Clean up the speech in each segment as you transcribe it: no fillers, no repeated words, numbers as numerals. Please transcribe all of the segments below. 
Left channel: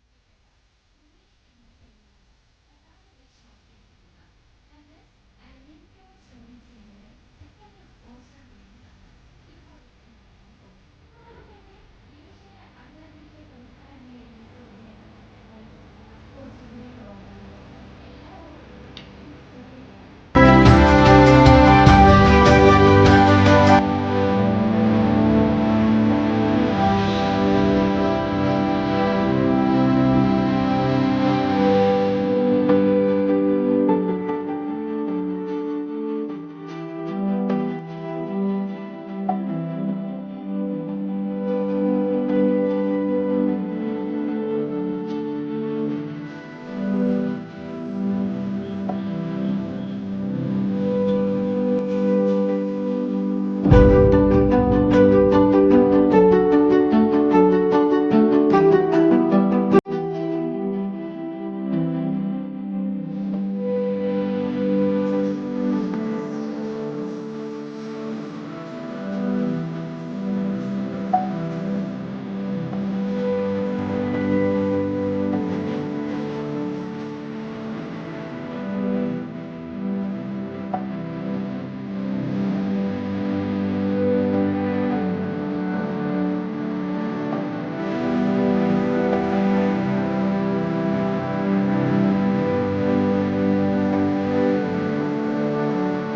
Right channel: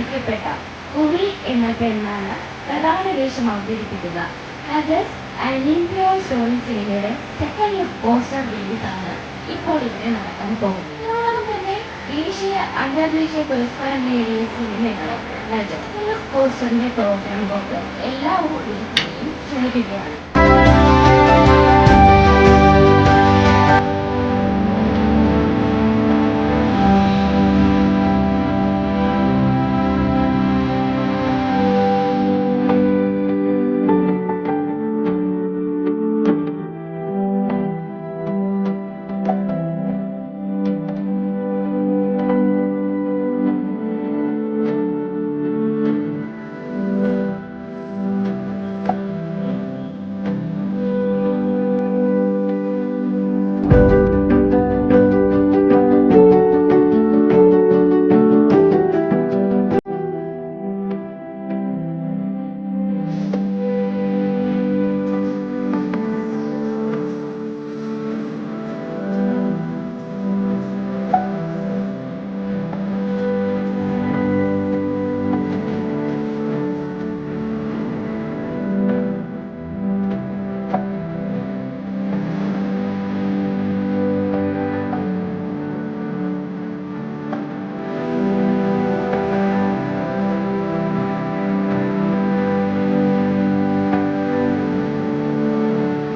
ശ്രദ്ധിക്കപ്പെട്ട കുറി എന്ന പെണ്ണാണ് പ്രധാന വേഷം അവതരിപ്പിക്കുക. അത് അലിൻഡ്രോ സോണി സിനിമയുടെ സെക്കൻഡ് ലുക്ക് പോസ്റ്റർ റിലീസാണ് ഇപ്പോൾ ഇവിടെ നടക്കാൻ പോകുന്നത്. ഇതിനോടൊപ്പം തന്നെ ദേശീയ അന്തർദേശീയ പുരസ്കാരം നേടിയ സിനിമയാണ് സെക്കൻഡ് ലുക്ക് പോസ്റ്ററിന്റെ പ്രോഗ്രാം കൊണ്ട് എല്ലാ ഓഡിയൻസിനെയും ക്ഷണിക്കുകയാണ്.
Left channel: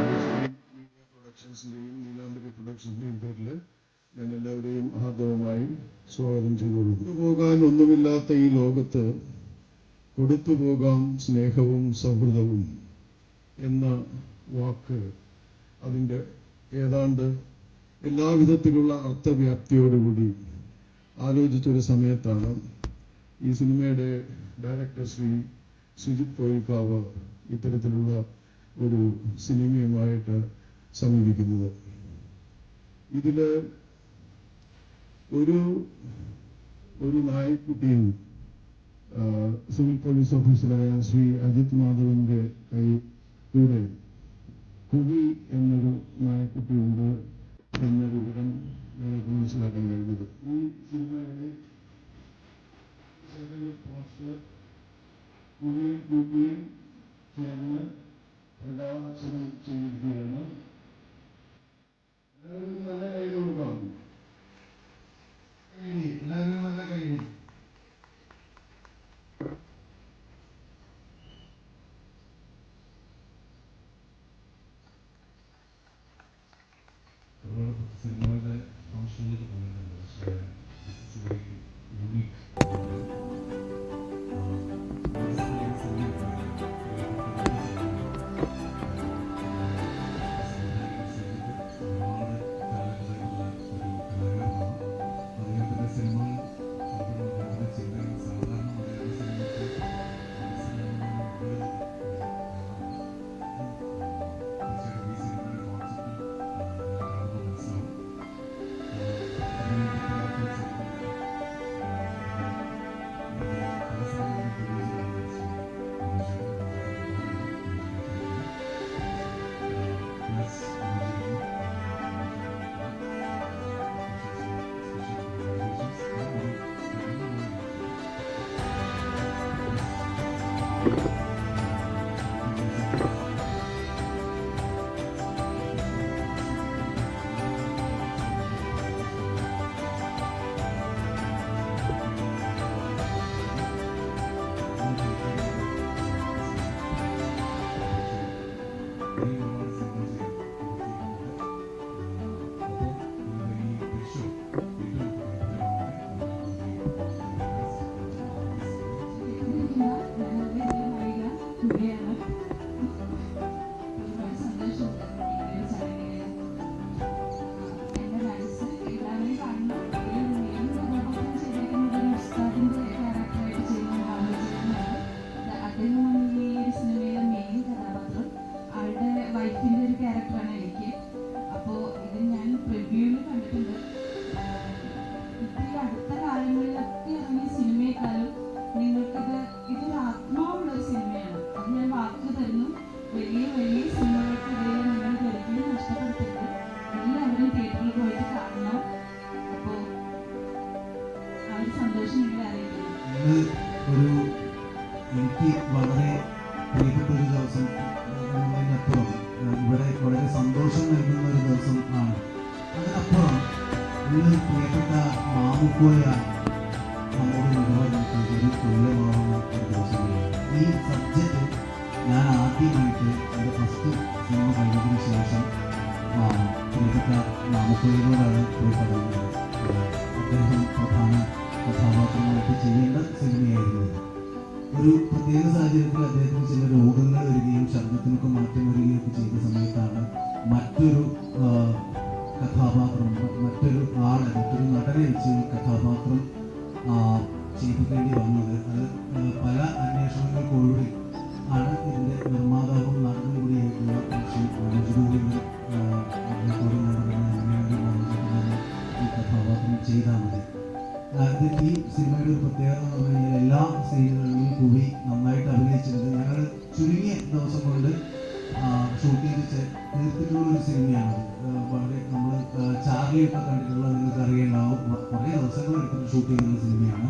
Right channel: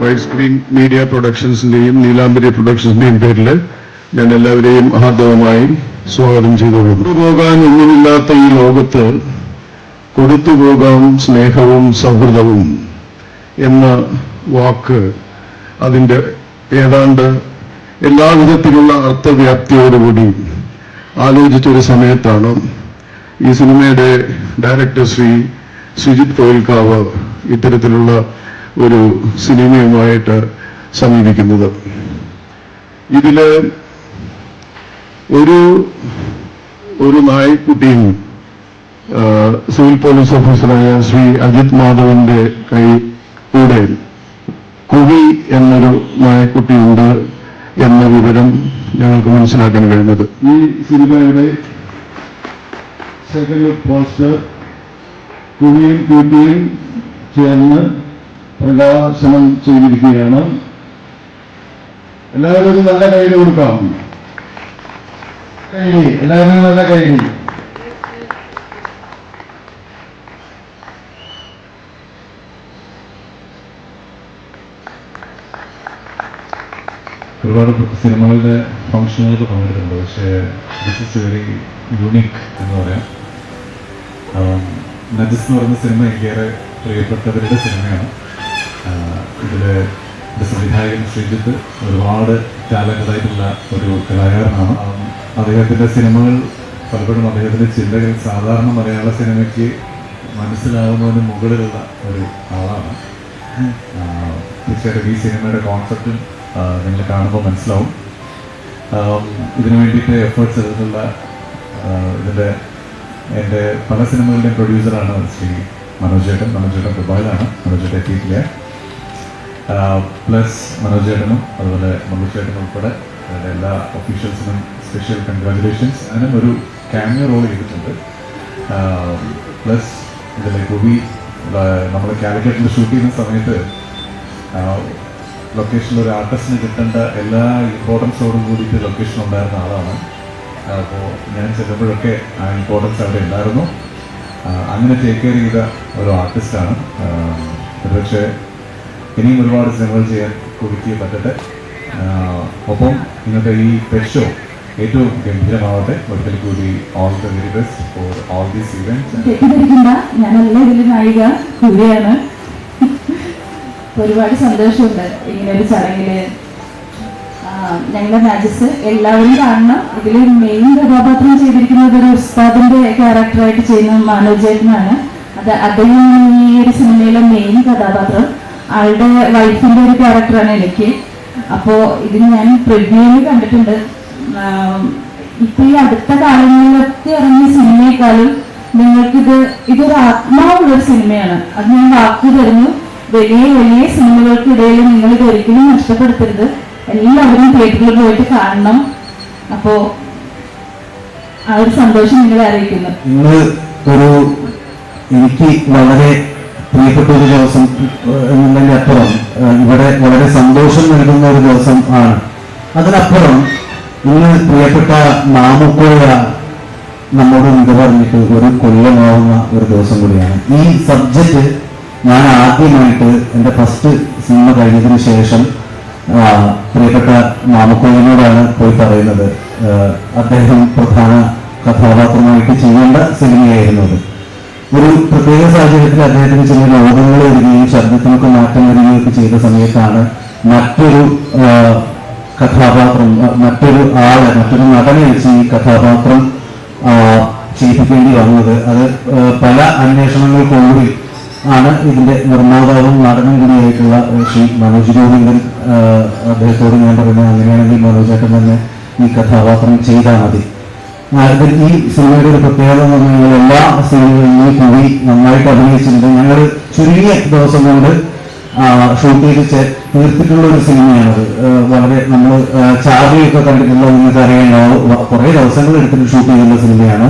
വൈഡ് സ്ക്രീൻ മീഡിയ പ്രൊഡക്ഷൻസിന്റെയും നീലാംബരി പ്രൊഡക്ഷൻസിന്റെയും പേരിൽ ഞാൻ എല്ലാവരെയും ഹാർദവമായി സ്വാഗതം ചെയ്തുകൊള്ളുന്നു. കൊണ്ടുപോകാൻ ഒന്നുമില്ലാത്ത ഈ ലോകത്ത് കൊടുത്തുപോകാം സ്നേഹവും സൗഹൃദവും എന്ന വാക്ക് അതിൻ്റെ ഏതാണ്ട് എല്ലാവിധത്തിലുള്ള അർത്ഥവ്യാപ്തിയോടുകൂടി ആലോചിച്ചൊരു സമയത്താണ് ഈ സിനിമയുടെ ഡയറക്ടർ ശ്രീ സുജിത് കോയിൽക്കാവ് ഇത്തരത്തിലുള്ള ഒരു സിനിമയുമായിട്ട് സമീപിക്കുന്നത്. ഇതില് ഒരു നായ്ക്കുട്ടിയും സിവിൽ പോലീസ് ഓഫീസറായ ശ്രീ അജിത് മാധവന്റെ കൈ കൂടെ കുവി എന്നൊരു നായക്കുട്ടിയുണ്ട് എന്ന വിവരം ഞങ്ങൾക്ക് മനസ്സിലാക്കാൻ കഴിഞ്ഞത്. ഈ സിനിമയുടെ സെക്കൻഡ് ലുക്ക് പോസ്റ്റർ കുവിയും ക്യൂട്ടിയും ചേർന്ന് പ്രകാശനം ചെയ്തിരിക്കുകയാണ്. എല്ലാവരും ഒരു നല്ല കൈയ്യടി കൊടുക്കാം. കൈയ്യടി, എല്ലാവരും നല്ല കൈയ്യടി. ഒരുപാട് സിനിമകളുടെ ഫംഗ്ഷനുകൾക്ക് പങ്കെടുത്തിട്ടുണ്ട്. പക്ഷേ ദിസ് ഇസ് വെരി യൂണിക് എന്ന് പറയാം. നജസ് എന്ന് പറയുന്ന സിനിമ എനിക്കേറെ പ്രിയപ്പെട്ടവരുടെ സിനിമയാണ്. ഇതിലെ സംവിധായകൻ ശ്രീജിത്ത് ഒരുപാട് ടാലന്റഡായിട്ടുള്ള ഒരു കലാകാരനാണ്. അദ്ദേഹത്തിൻ്റെ സിനിമകൾ പലപ്പോഴും അദ്ദേഹത്തിൻ്റെ ചിന്തകൾ സാധാരണ മലയാള സിനിമയ്ക്ക് മനസ്സിലാവുന്നതിന് മുകളിലുള്ള ഒരു ആളാണ്. തീർച്ചയായിട്ടും ഈ സിനിമയുടെ കോൺസെപ്റ്റും നിങ്ങൾ കാണുമ്പോൾ മനസ്സിലാവും. ഇതിനു വേണ്ടിയിട്ട് എഫേർട്സ് എടുത്തുള്ള ഇതിൻ്റെ എൻ്റെ പല സിനിമകളുടെയും പ്രൊഡ്യൂസറാണ് ശ്രീ മനോജ് ചേട്ടൻ. ദുബായിലാണ്. മനോജ് ചേട്ടൻ എത്തിയിട്ടില്ല. പ്ലസ് മനോജ് ചേട്ടനും അതുപോലെ മനോജ് ചേട്ടനും ഉൾപ്പെടെ അതിൻ്റെ എല്ലാ ഒഫീഷ്യൽസിനും സ്പെഷ്യൽ കൺഗ്രാജുലേഷൻസ്. അങ്ങനെ ഒരു ക്യാമിയോ റോൾ ചെയ്തിട്ടുണ്ട്. പ്ലസ് ഇതിലെ കുവി നമ്മൾ കാലിക്കറ്റിൽ ഷൂട്ട് ചെയ്യുന്ന സമയത്ത് ലൊക്കേഷനിൽ ഒരു ആർട്ടിസ്റ്റിന് കിട്ടേണ്ട എല്ലാ ഇമ്പോർട്ടൻസോടും കൂടിയിട്ട് ലൊക്കേഷൻ ഉണ്ടായിരുന്ന ആളാണ്. അപ്പോൾ ഞാൻ ചെല്ലുമ്പോഴൊക്കെ ആ ഇമ്പോർട്ടൻസ് അവിടെ ഉണ്ടായിരുന്നു. അങ്ങനെ ടേക്ക് കെയർ ചെയ്ത ഒരു ആർട്ടിസ്റ്റാണ്. ഒരുപക്ഷെ ഇനിയും ഒരുപാട് സിനിമകൾ ചെയ്യാൻ കുവിക്ക് പറ്റട്ടെ. ഒപ്പം ഇന്നത്തെ ഈ പെറ്റ് ഷോ ഏറ്റവും ഗംഭീരമാവട്ടെ. ഒരിക്കൽ കൂടി all the very best for all these events. ഞാനല്ല ഇതിൽ നായിക, കുവിയാണ്. ഒരുപാട് സന്തോഷമുണ്ട് ഇങ്ങനെ ഒരു ചടങ്ങില്. ഞങ്ങളുടെ നജസ് എല്ലാവരും കാണണം. ഇതിൽ മെയിൻ കഥാപാത്രം ചെയ്തിരിക്കുന്നത് ഒരു ഉസ്താദിന്റെ ക്യാരക്ടറായിട്ട് ചെയ്യുന്ന മനോജ് ചേട്ടനാണ്. അദ്ദേഹം ഈ ഒരു സിനിമയിലെ മെയിൻ കഥാപാത്രം. ആളുടെ വൈഫിന്റെ ഒരു ക്യാരക്ടറാണ് എനിക്ക്. അപ്പോ ഇതിന് ഞാൻ പ്രിവ്യൂവിൽ കണ്ടിട്ടുണ്ട്. ഇപ്പൊ ഈ അടുത്ത കാലങ്ങളിലൊക്കെ ഇറങ്ങിയ സിനിമയെക്കാളും ഇതൊരു ആത്മാവുള്ളൊരു സിനിമയാണ്. അത് ഞാൻ വാക്ക് തരുന്നു. വലിയ വലിയ സിനിമകൾക്കിടയിൽ നിങ്ങൾ ഇത് ഒരിക്കലും നഷ്ടപ്പെടുത്തരുത്. എല്ലാവരും തിയേറ്ററിൽ പോയിട്ട് കാണണം. അപ്പോ ആ ഒരു സന്തോഷം നിങ്ങളെ അറിയിക്കുന്നു. ഇന്ന് ഒരു എനിക്ക് വളരെ പ്രിയപ്പെട്ട ഒരു ദിവസം എന്നതിൻ്റെ അപ്പുറം ഇവിടെ വളരെ സന്തോഷം നൽകുന്ന ഒരു ദിവസം ആണ്. അതിനപ്പുറം ഇന്ന് പ്രിയപ്പെട്ട മാമുക്കോയ നമ്മോട് ഇത് പറഞ്ഞിട്ട് ഒരു കൊല്ലമാവുന്ന ഒരു ദിവസം കൂടിയാണ്. ഈ സബ്ജക്റ്റ് ഞാൻ ആദ്യമായിട്ട് എൻ്റെ ഫസ്റ്റ് സിനിമ കഴിഞ്ഞതിന് ശേഷം പ്രിയപ്പെട്ട മാമുക്കോയിനോടാണ് പോയി പറയുന്നത്. അദ്ദേഹം പ്രധാന കഥാപാത്രമായിട്ട് ചെയ്യേണ്ട സിനിമയായിരുന്നു അത്. ഒരു പ്രത്യേക സാഹചര്യത്തിൽ അദ്ദേഹത്തിന് ചില രോഗങ്ങൾ വരികയും ശബ്ദത്തിനൊക്കെ മാറ്റം വരികയൊക്കെ ചെയ്ത സമയത്താണ് മറ്റൊരു കഥാപാത്രം, മറ്റൊരു നടനെ വെച്ച് ഈ കഥാപാത്രം ചെയ്യിപ്പിക്കേണ്ടി വന്നത്. അത് പല അന്വേഷണങ്ങൾക്കൊടുവിൽ ആണ് ഇതിന്റെ നിർമ്മാതാവും നടനും കൂടിയായിട്ടുള്ള ശ്രീ മനോജ് ഗോവിന്ദൻ അദ്ദേഹത്തോട് ഞാൻ പറയുന്നത്, അങ്ങനെയാണെങ്കിൽ മനോജേട്ടൻ തന്നെ ഈ കഥാപാത്രം ചെയ്താൽ മതി. ഈ സിനിമയുടെ ഒരു പ്രത്യേകത എന്ന് പറഞ്ഞാൽ എല്ലാ സിനിമകളിലും കൂടി നന്നായിട്ട് അഭിനയിച്ചിട്ടുണ്ട്. ഞങ്ങൾ ചുരുങ്ങിയ ദിവസം കൊണ്ട് ഷൂട്ട് ചെയ്ത് തീർത്തിട്ടുള്ള ഒരു സിനിമയാണത്. വളരെ നമ്മൾ ചാർലിയൊക്കെ കണ്ടിട്ടുള്ള നിങ്ങൾക്ക് അറിയാനാവും, കുറേ ദിവസങ്ങൾ എടുത്തിട്ട് ഷൂട്ട് ചെയ്യുന്ന സിനിമയാണ്.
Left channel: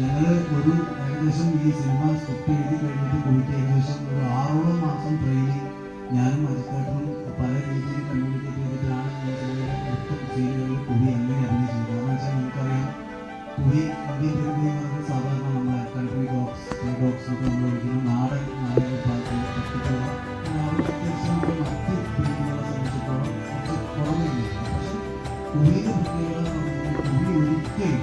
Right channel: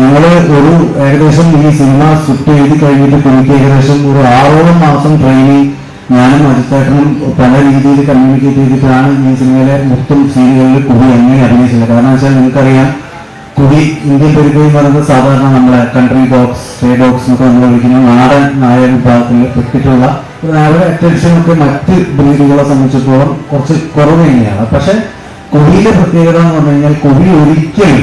ഞങ്ങൾ ഒരു ഏകദേശം ഈ സിനിമ സ്ക്രിപ്റ്റ് എഴുതി കഴിഞ്ഞിട്ട് എനിക്ക് ഏകദേശം ഒരു 6 മാസം ട്രെയിനിങ് ഞാനും അജിത്തേട്ടനും പല രീതിയിൽ കമ്മ്യൂണിക്കേറ്റ് ചെയ്തിട്ടാണ് ഈ സിനിമയിലെ മൊത്തം സീനുകളിൽ കുവി എങ്ങനെ അഭിനയിച്ചത്. കാരണം വെച്ചാൽ നിങ്ങൾക്കറിയാം, കുവി ഇന്ത്യൻ പെരുകയും പറയുന്നത് സാധാരണ നമ്മളെ കൺട്രി ഡോഗ്സ്, സ്റ്റേ ഡോഗ്സ് എന്നൊക്കെ നമ്മൾ വിളിക്കുന്ന നാടൻ നായ വിഭാഗത്തിൽ പെട്ടിട്ടുള്ള അവരുടെ അറ്റൻഷനൊക്കെ മറ്റ് ബ്രീഡുകളെ സംബന്ധിച്ചിടത്തോളം കുറച്ച് കുറവ് തന്നെയാണ്. പക്ഷെ കുവിയിലെ പ്രത്യേകത എന്ന് പറഞ്ഞു കഴിഞ്ഞാൽ കുവി ഒരിക്കലും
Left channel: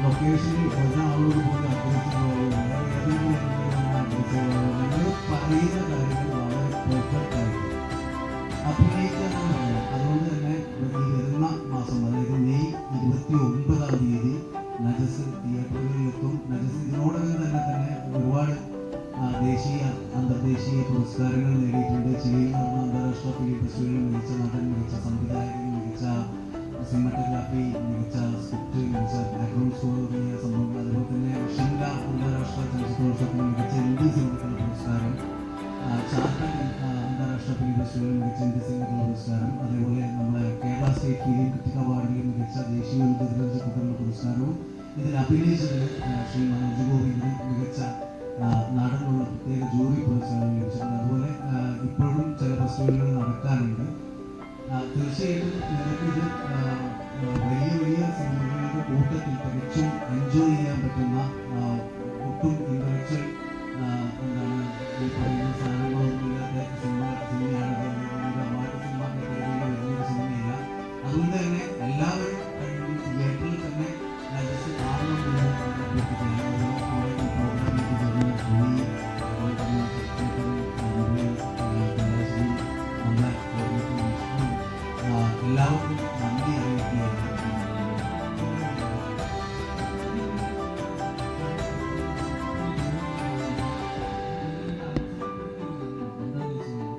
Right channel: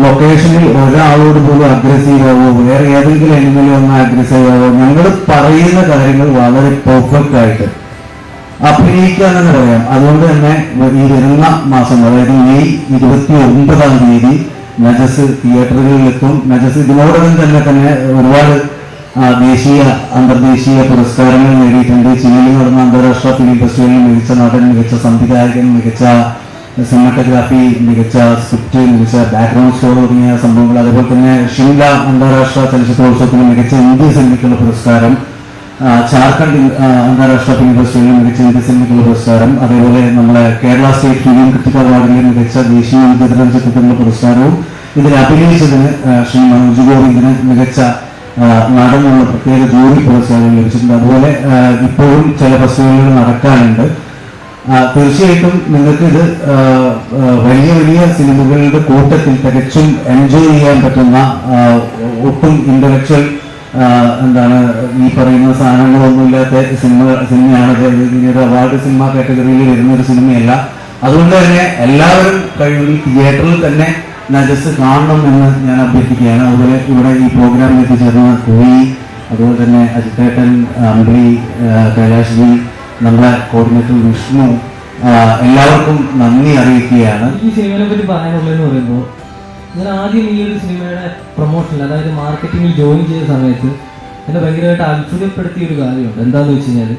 ലൊക്കേഷനിൽ ഒരാളോട് പോലും അഗ്രസീവ് ആവോ, വേറെ ഏതെങ്കിലും എങ്കിലും ഒന്ന് അഗ്രസീവ് ആവോ, ഞങ്ങൾ പറയുന്ന കാര്യങ്ങൾ വളരെ പെർഫെക്റ്റ് ആയിട്ട് അഭിനയിക്കാനെന്ന് പറയാം. അതുകൊണ്ട് തന്നെ ഈ വരുന്ന മാസം, അതായത് മെയ് 29-ാം തീയതി നജസ് തിയേറ്ററുകളിലെത്തും. നജസ് ഇതിനോടകം തന്നെ ഒരുപാട് ദേശീയ അന്തർദേശീയ പുരസ്കാരങ്ങൾ നേടിയിട്ടുണ്ട്. ചിലിയിൽ നടന്ന അന്താരാഷ്ട്ര ഫിലിം ഫെസ്റ്റിവലിൽ മികച്ച നടൻ, മികച്ച സംവിധായകൻ, മികച്ച സിനിമാറ്റോഗ്രാഫി, മികച്ച സ്ക്രിപ്റ്റ്, മികച്ച ബാക്ക്ഗ്രൗണ്ട് സ്കോർ തുടങ്ങിയ സംഭവങ്ങൾ. അതേപോലെ തന്നെ ഷിംല അന്താരാഷ്ട്ര ചലച്ചിത്രോത്സവത്തിന് മികച്ച ഇന്ത്യ സിനിമയ്ക്കുള്ള പുരസ്കാരം, ജാർഖണ്ഡ് അന്താരാഷ്ട്ര ഫിലിം ഫെസ്റ്റിവലിൽ മികച്ച ഇന്ത്യ സിനിമയ്ക്കുള്ള പുരസ്കാരം, അതേപോലെ നമ്മളെ കേരള സ്റ്റേറ്റ് ഫിലിം ക്രിട്ടിക് അവാർഡിലെ മികച്ച ദേശീയ വിദ്യാഭ്യാസ ചിത്രത്തിനുള്ള പുരസ്കാരവും ഇതിൽ അഭിനയിച്ചതിന് ശ്രീ മനോജ് ഗോവിന്ദന് മികച്ച നടനുള്ള പ്രത്യേക ജൂറി പുരസ്കാരം ലഭിച്ചിട്ടുണ്ട്. അതുപോലെ ഇപ്പോഴും ചില ഫെസ്റ്റിവലുകൾ നടക്കാനുണ്ട്. തീർച്ചയായിട്ടും നിങ്ങൾക്ക് ഇത് വലിയ വലിയ സിനിമകളുടെ കൂട്ടത്തിൽ തികച്ചും എൻജോയ് ചെയ്യാൻ പറ്റുന്ന, ഒട്ടും ഇന്റലക്ച്വൽ ഈ പറയുന്ന സാധനങ്ങളൊന്നുമില്ലാത്ത സിനിമയാണ്. ഒരു അവാർഡ് സിനിമ കാറ്റഗറിയിൽ വരുന്ന ഒരു സിനിമയല്ല. അതുകൊണ്ട് തന്നെ എല്ലാവരും കഴിവിൽ തിയേറ്ററിൽ തന്നെ നജസ് കാണണം എന്ന് ഞാൻ അഭ്യർത്ഥിക്കുകയാണ്. അതുപോലെ ഇവിടെ ഈ പ്രോഗ്രാമിൽ എത്തിച്ചേർന്ന കുവി, അതുപോലെ തന്നെ അജിത്തേട്ടൻ, അമ്പിളി, കൈലാഷ്ജി, നമ്മുടെ കോർഡിനേറ്റർ വിഷ്ണു, എല്ലാവർക്കും നന്ദി അറിയിക്കുകയാണ്. ഈ സിനിമയെ പറ്റി പറയാനുള്ളതെന്ന് പറയുമ്പോൾ, ഞാൻ ആദ്യം ഈ ഒരു സിനിമയുടെ പ്രൊമോഷനിൽ, അതായത് മാർക്കറ്റിങ്ങിൽ ജോയിൻ ചെയ്ത സമയത്ത് എന്നെ ഭയങ്കരമായിട്ട് അത്ഭുതപ്പെടുത്തിയ ഒരു കാര്യമുണ്ട്. എന്താണെന്ന് വെച്ച് കഴിഞ്ഞാൽ,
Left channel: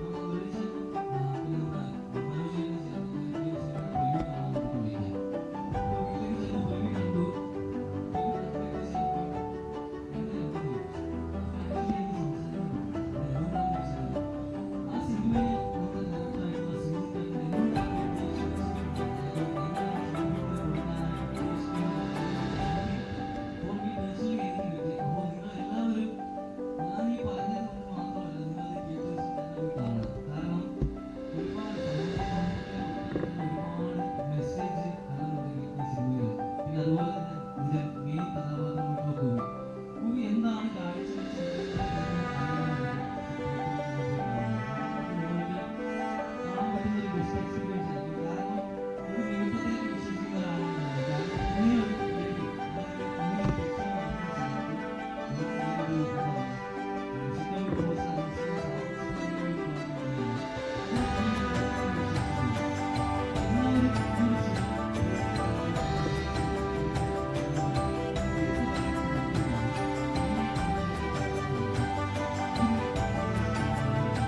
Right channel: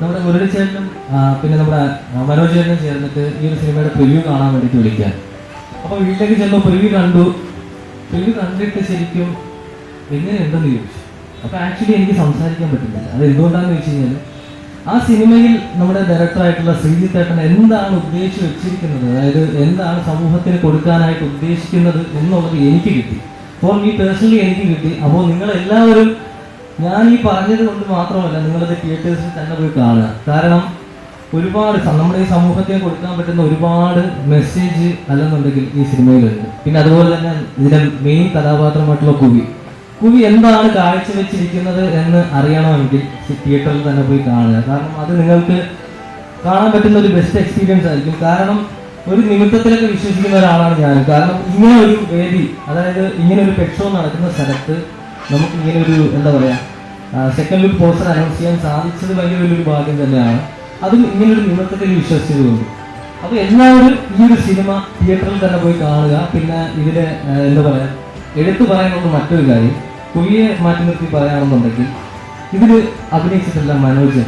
നമ്മുടെ മുരളി ചേട്ടനും പിന്നെ നമ്മുടെ മനോജ് ചേട്ടനും ചേർന്നിട്ട് ഈ ഒരു സിനിമയുടെ പ്രിവ്യൂ കാണാൻ വേണ്ടിയിട്ട് വിളിക്കാൻ. അപ്പോൾ വീട്ടിലേക്ക് ചെന്നപ്പോൾ പ്രിവ്യൂ കണ്ടിട്ട് ശരിക്കും എങ്ങനെയുണ്ടെന്ന് ചോദിച്ചു. അപ്പോൾ ആക്ച്വലി എനിക്ക് സംസാരിക്കാൻ പറ്റുന്നില്ല. അത് എന്തുകൊണ്ടാണെന്ന് വെച്ച് കഴിഞ്ഞാൽ, ആ സിനിമയിൽ നമ്മുടെ ഡയറക്ടറായിട്ടുള്ള ശ്രീജിത്ത് ഏട്ടൻ എന്താണ് ഉദ്ദേശിച്ച് വെച്ചിരിക്കുന്നത്, അതായത് എന്താണ് സമൂഹത്തിന് കൊടുക്കാനായിട്ട് ഉദ്ദേശിക്കുന്നത് എന്നുള്ളത് എനിക്ക് കിട്ടി. ഫോർ മീ പേഴ്സണലി എനിക്ക് കിട്ടി. അപ്പോൾ നിങ്ങളെല്ലാവരും, ഞാൻ ഈ പറഞ്ഞത് കൊണ്ട് മാത്രമല്ല, നിങ്ങളത് തിയേറ്റേഴ്സിൽ തന്നെ പോയി കാണുക. കാരണം ഒരുപാട് നമ്മുടെ ഈ സമൂഹത്തിന് കൊടുക്കാൻ പറ്റുന്ന ഒരുപാട് മെസ്സേജ് അല്ലെന്നുണ്ടെങ്കിൽ ഈ സിനിമയിലുണ്ട്. പിന്നെ അതുപോലെ തന്നെ ഇതിൻ്റെ മെയിൻ കഥാപാത്രമായിട്ടുള്ള കുവി എന്താണ് കാഴ്ചവെച്ചിരിക്കുന്നത് എന്ന് അറിയണമെങ്കിൽ തിയേറ്ററിൽ തന്നെ പോയി കാണുക. കാരണം അത് നിങ്ങൾക്ക് കാണാൻ പറ്റുന്ന ഒരു ബെസ്റ്റ് എക്സ്പീരിയൻസ് ആയിരിക്കും. കാരണം ഒരു നിമിത്തത്തിലൊക്കെ വിശ്വസിക്കുന്ന ഒരാളാണ് ഞാൻ. കാരണം ഇങ്ങനെ ഒരു വേദി, അതായത് ഇങ്ങനെ ഒരു പെറ്റ് ഷോ നടക്കുന്ന സ്ഥലത്ത് നമുക്ക് ഇങ്ങനെ ഒരു സെക്കൻഡ് ലുക്ക് പോസ്റ്റർ അനൗൺസ് ചെയ്യാൻ സാധിച്ചത് ഭയങ്കര വലിയൊരു ഭാഗ്യം തന്നെയാണ്. അതും ഇങ്ങനൊരു നിമിത്തത്തിൽ വിശ്വസിച്ചതുകൊണ്ട്. അപ്പോൾ എല്ലാവരും ഈ ഒരു സിനിമ തിയേറ്ററിൽ തന്നെ പോയി കാണുക. പിന്നെ ഇതിലെ എടുത്തു പറയാനുള്ള മറ്റൊരു കാര്യം, കുവിയെ മാറ്റി നിർത്തി പറയുകയാണെന്നുണ്ടെങ്കിൽ, ഇതിൽ അഭിനയിച്ചിട്ടില്ല മനോജ്.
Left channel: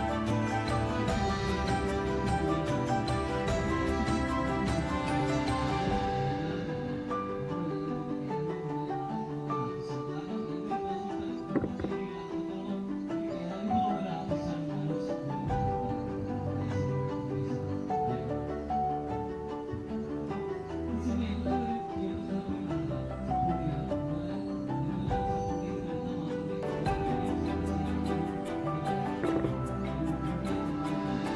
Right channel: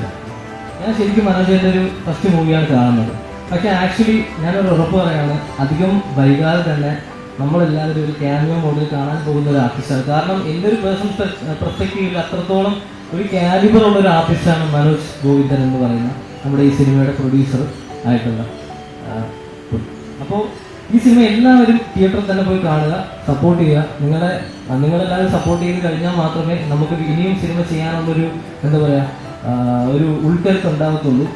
ഞാൻ ശരിക്കും മനോജിൻ്റെ ഒരു ഫസ്റ്റ് മൂവിയാണ് കാണുന്നത്. പക്ഷേ ആക്ച്വലി ഞാനൊരു ഉറപ്പ് പറയാണ്, അധികം വൈകാതെ തന്നെ നമ്മളെല്ലാവരും ഒരു ക്യാമിയോ മോഡിൽ കാണാൻ പോകുന്ന ഒരു ആർട്ടിസ്റ്റാണ്. കാരണം എൻ്റെ ഒരു പേഴ്സണൽ പെർസ്പെക്റ്റീവിൽ അത്രത്തോളം ഒരു കാലിബർ ഉള്ള ഒരു ആർട്ടിസ്റ്റാണ് മനോജ് ഗോവിന്ദൻ എന്ന് പറയുന്ന നമ്മുടെ ഈ സിനിമയുടെ പ്രൊഡ്യൂസർ ആയിട്ടുള്ള. അപ്പോൾ ഈ സിനിമ എല്ലാവരും തിയേറ്ററിൽ തന്നെ പോയി കാണുക, സപ്പോർട്ട് ചെയ്യുക. നിങ്ങളെല്ലാവരും സപ്പോർട്ട് ചെയ്ത് കഴിഞ്ഞാൽ മാത്രമേ നമുക്ക് ഇനിയും സിനിമ ചെയ്യാനുള്ളൊരു എന്താ പറയുക ഒരു ഉൾക്കരുത്ത് ഉണ്ടാകത്തുള്ളൂ.